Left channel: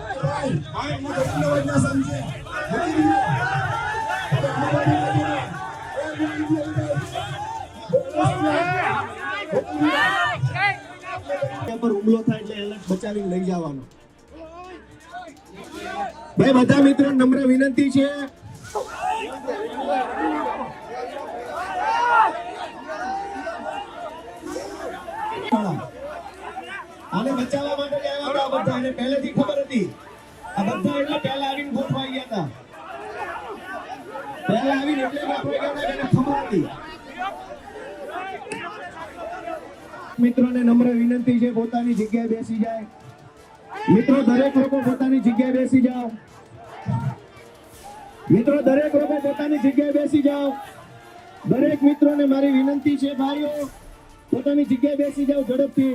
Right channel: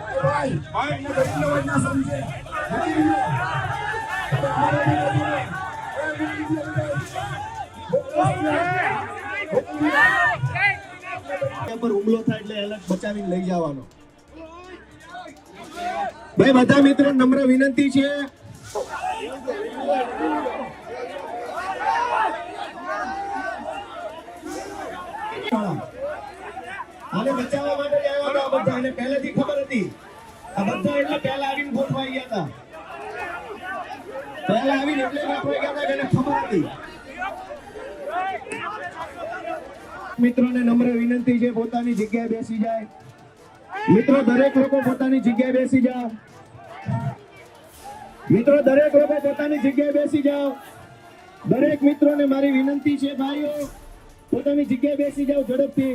હુમલો થાય એટલે એલર્ટ લઈ જવાનો ભાઈ બધા મિત્રો નમ્ર વિનંતી છે અને બચાવવા માટે અમને પહેલેથી ખબર હતી આ બંદુ એટલા પહેલા આવીને બોટવાઈ ગયા હતા પહેલા આવીને એટલે કાંઈ કહેતા મેને ખબર હતી મિત્રોને નમ્ર વિનંતી છે પોતાની જગ્યાએ બેસી જાય મિત્રો દરેક લોકો પોતાની જગ્યાએ બેસી જાઓ મિત્રો દરેક લોકો પોતાની જગ્યાએ બેસી જાઓ દરેક મિત્રોને મારી વિનંતી છે ભાઈઓ પોતાની જગ્યાએ બેસી જાઓ ઝડપથી